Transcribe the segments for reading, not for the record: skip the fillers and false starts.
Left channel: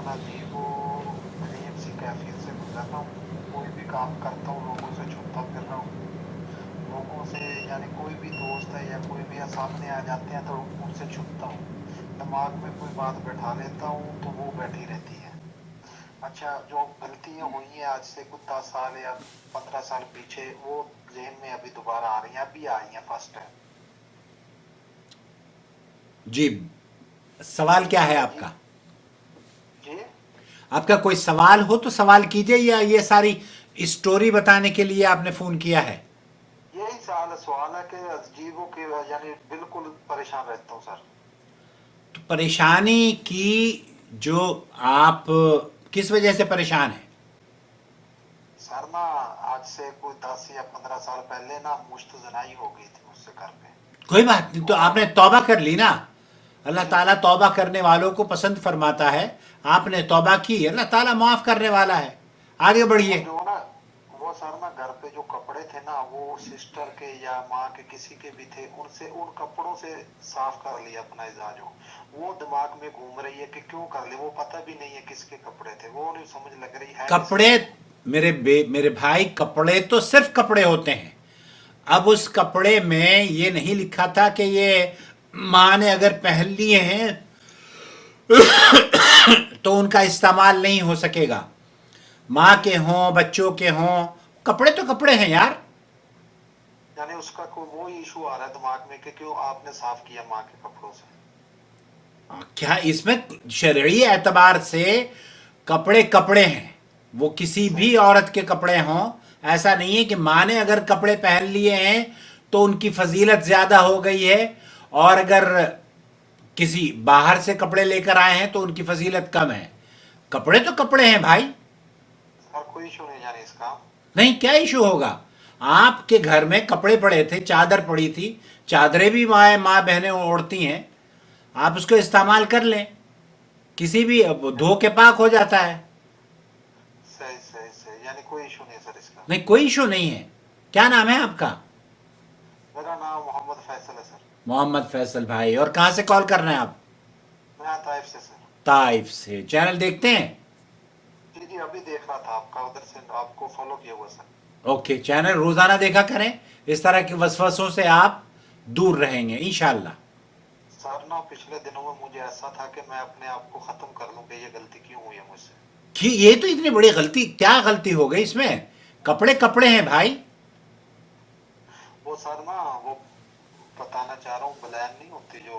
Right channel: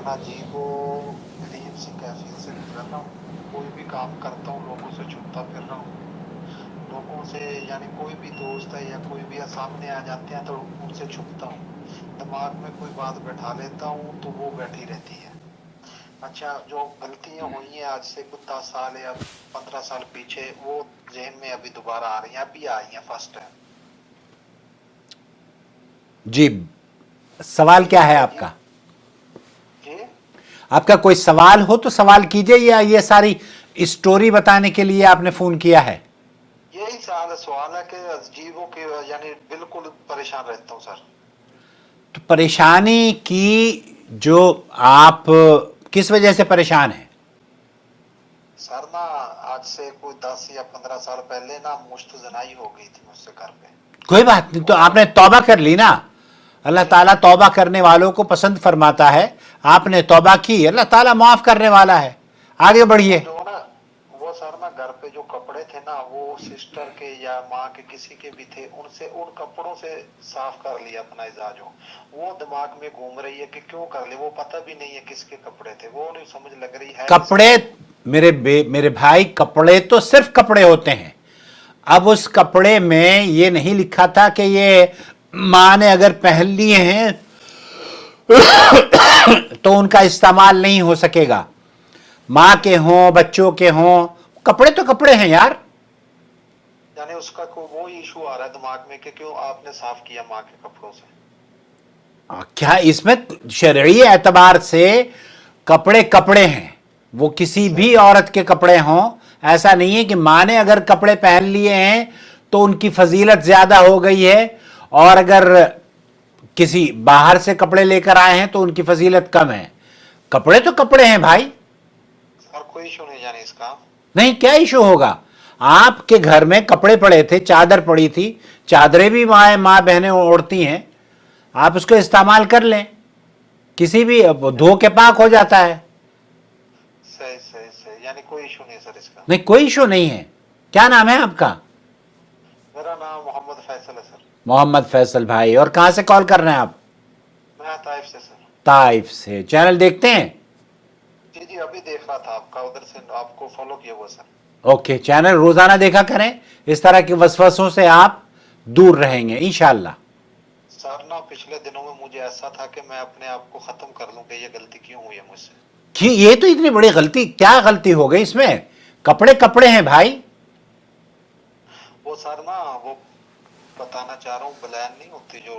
था ना जी, वो अजीब सी कैफियत से गुजर रहा हूँ। कोई भी काम करता हूँ लोगों से छुपता फिर रहा हूँ। लोगों से यानी कोई भी दोस्त है या कोई भी सामने आ जाते हैं तो उनसे छुपता हूँ। दिमाग में कोई बात बैठा लेता हूँ तो वो बैठी रहती है। अच्छा, जो गलतियां हुई हैं आज से कुछ 10 साल या 15 साल पीछे, वो जहन में अभी दोबारा आ रही हैं, अभी आई हैं फर्स्ट टाइम। जी, सवाल क्या है अजीब आपका? जी। आपका कोई सवाल हो तो सवाल कीजिए, या ये सारी स्टोरी बताने के लिए आपने फोन किया है? यही सारा सवाल है कि अजीबों के यानी बिल्कुल परेशान रहता हूँ सर। तो परेशानी की जो आप किस वजह से परेशान हैं? सर ना, आज से कोई 10 या 15 साल पहले ना मुश्त जनाई हो गई थी मुझसे घर पे। कोई बात नहीं, तो तो आपने तौबा कर ली ना। अल्लाह जी ताला जी जी। तौबा करने वालों को पसंद फरमाता है। आपने तौबा की, अल्लाह ताला माफ करने वाला है। आगे वो बढ़िए। जो ना, वो सर ना घर पे जो कपड़े थे ना, वो सिस्टर के या माँ के किसी के भी थे, उनसे उन कपड़ों से साफ कर लिया अपना इजाज हो। वो दिमाग में घूम रही है कि क्यों कर ले, वो पता भी नहीं है किसके कपड़े थे, वो नहीं समझ लग रही है किसके कपड़े, वो। मेरे भाई, कपड़े तो सिर्फ कपड़े होते हैं। अब उस कपड़े में ये नहीं लिखा था कि ये माँ ने अगर पहन लिए हैं तो उनका इस्तेमाल नहीं हो सकेगा। माँ के हों, बच्चों के हों, कपड़े तो कपड़े हैं यार। यानी उसका कोई वो इशू आ रहा है दिमाग में कि क्यों आपने साफ किया माँ के कपड़ों से। क्या इसमें शरई एतबार से कपड़े कपड़े हैं, वो किसी सही भी सही। औरत के कपड़े हों। ऐसा नहीं है कि माँ ने अगर कपड़े पहन लिए हैं तो उनकी फजीलत ज्यादा हो गई है, और अगर किसी बाहर से कपड़े लेकर आए हैं तो उनकी फजीलत कम है। कपड़े तो कपड़े हैं भाई। सर कोई इशू नहीं जाने इसका। नहीं, क्या इशू होगा? आपके घर में कपड़े पड़े थे, चादर पड़ी थी, चादरें भी माँ माँ बहनें ओढ़ती हैं, आप उसको इस्तेमाल कर लें। किसी भी धो के पाक हो जाता है। सही सही सही, यानी कोई इशू नहीं है सर इसका। नहीं, कोई इशू नहीं है। क्या नाम है आपका? मेरा नाम मोहम्मद फैसल है सर। मोहम्मद फैसल भाई, और कहां से कॉल कर रहे हैं आप? मैं ताइफ से सर। ताइफ से। चैनल देखते हैं? जी जी, अभी देख रहा था आपका, उधर से आपको फॉलो किया हुआ सर। ओके, चैनल रोजाना देखा करें। इस तरह के वसवसों से आप दूर रहेंगे इंशाल्लाह। सर ना, पिछले दिनों में मुझे ऐसा था कि मैं अपने आप को खत्म कर लूं कि ये गलती क्यों हुई है मुझसे। कि ये तो इतनी बड़ी गलती, क्या गलती हो गई इसमें? कपड़े कपड़े हैं भाई। वो सर ना, वो बताना चाह रहा हूँ, बलैन नहीं होती जो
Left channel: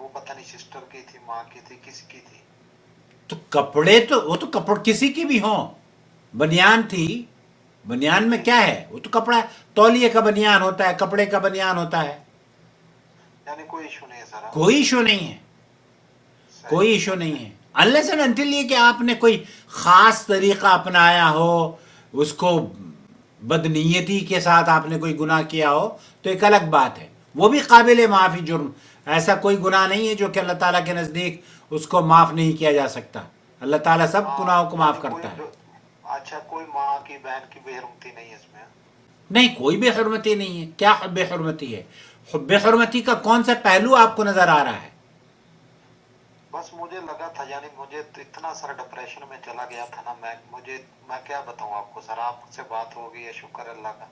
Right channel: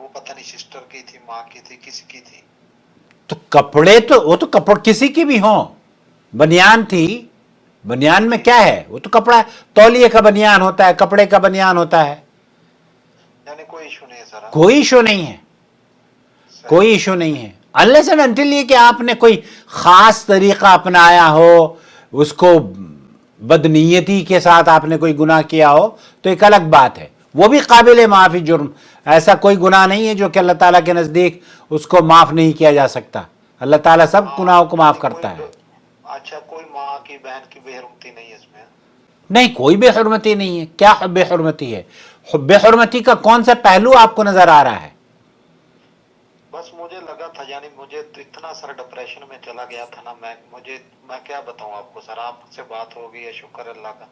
वो पता नहीं सिस्टर की थी, माँ की थी, किसी की थी। तो कपड़े तो वो तो कपड़ किसी की भी हो। बनियान थी, बनियान में जी क्या जी। है? वो तो कपड़ा है। तौलिए का बनियान होता है, कपड़े का बनियान होता है। यानी कोई इशू नहीं है सर, हाँ? कोई इशू नहीं है। सही कोई इशू सही नहीं सही। है। अनलेस एंड अनटिल ये कि आपने कोई खास तरीका अपनाया हो, उसको बदनीयती के साथ आपने कोई गुनाह किया हो, तो एक अलग बात है, वो भी काबिल माफी जुर्म। ऐसा कोई गुनाह नहीं है जो कि अल्लाह ताला के नजदीक उसको माफ नहीं किया जा सकता। अल्लाह ताला सब गुनाहों हाँ, को माफ यानी करता है। अच्छा, कोई माँ की बहन की बेरुखती नहीं है इसमें। नहीं, कोई बेहरमती नहीं है। क्या बेहरमती है? बेहरमती का कौन सा पहलू आपको नजर आ रहा है? बस मुझे लगा था, यानी मुझे तो इतना सारा डिप्रेशन में चला गया था ना मैं क्या बताऊं आपको सर, आपसे बात हो गई है, शुक्र अल्लाह का।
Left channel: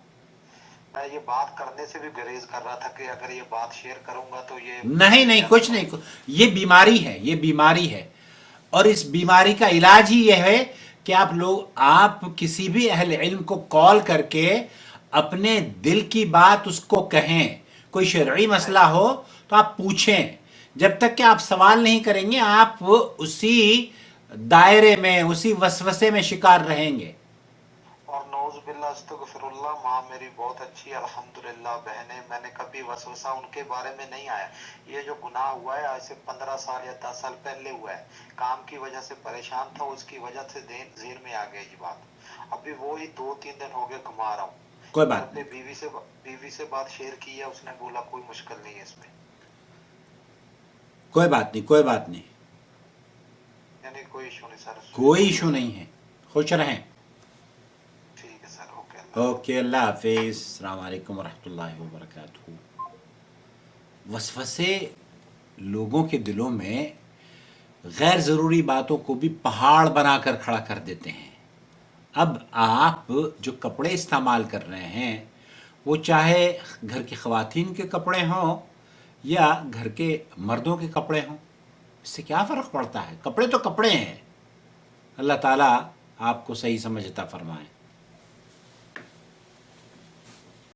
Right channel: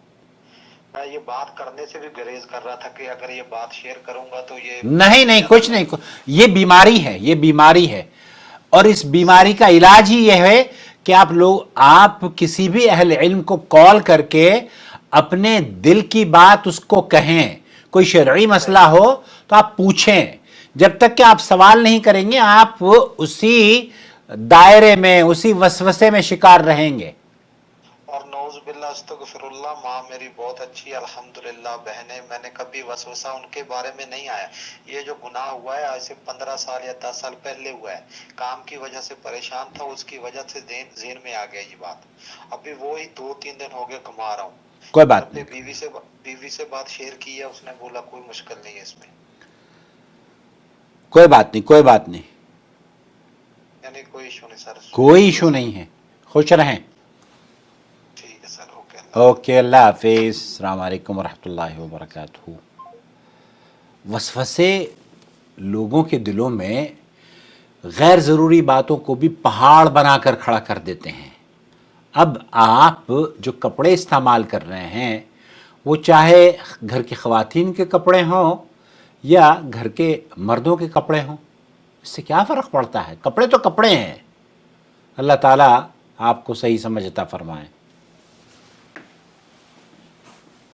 मैं ये बात करने से भी गुरेज कर रहा था कि अगर ये बात शेयर करूंगा तो ये नहीं मुझसे नहीं, ज्यादा कुछ नहीं, लोग। ये बीमारी है, ये बीमारी है। और इस बीमारी सही का इलाज ही यह है कि आप किसी भी अहल इल्म को कॉल करके अपने दिल की बात उसको कहें। कोई शरई सही मसला हो तो आप पूछें। जब तक कि आप सवाल नहीं करेंगे, आप उसी दायरे में, उसी वसवसे में शिकार रहेंगे। और नौज बिल्ला अस्तगफिरुल्लाह, माँ मेरी बहुत अच्छी है अल्हम्दुलिल्लाह, बहनें, मैंने कभी वसवसा उनके बारे में नहीं आया। ये जो गुनाह हुआ है आज से 15 साल या 10 साल पहले हुआ है, काम की वजह से परेशान था, उसकी वजह से जेहन में आ गया ये बात। अभी वो ही 2-3 दिन हो गए कमा रहा हूँ। कोई घर बात पे नहीं। बीवी से बात शेयर की है, उसने बोला कोई मुश्किल नहीं है इसमें। कोई बात नहीं। कोई बात नहीं। यानी कोई इशू नहीं सर, कोई शुक्र इशू सर। नहीं है। खुश रहें। ठीक है सर, ओके, अल्लाह हाफिज। ओके, अल्लाह हाफिज। अस्सलाम वालेकुम वरहमतुल्लाहि वबरकातुहू। वसवसे लोगों के दिलों में غیر ضروری باتوں کو بھی پہاڑ بنا کر کھڑا کر دیتے ہیں. اب آپ جو کپڑے استعمال کر رہے ہیں وہ چاہے گھر کی خواتین کے کپڑے ہوں یا گھر کے مردوں کے کپڑے ہوں، اس سے کیا فرق پڑتا ہے؟ کپڑے تو کپڑے ہیں. اللہ تعالیٰ آپ کو صحیح سمجھ عطا فرمائے.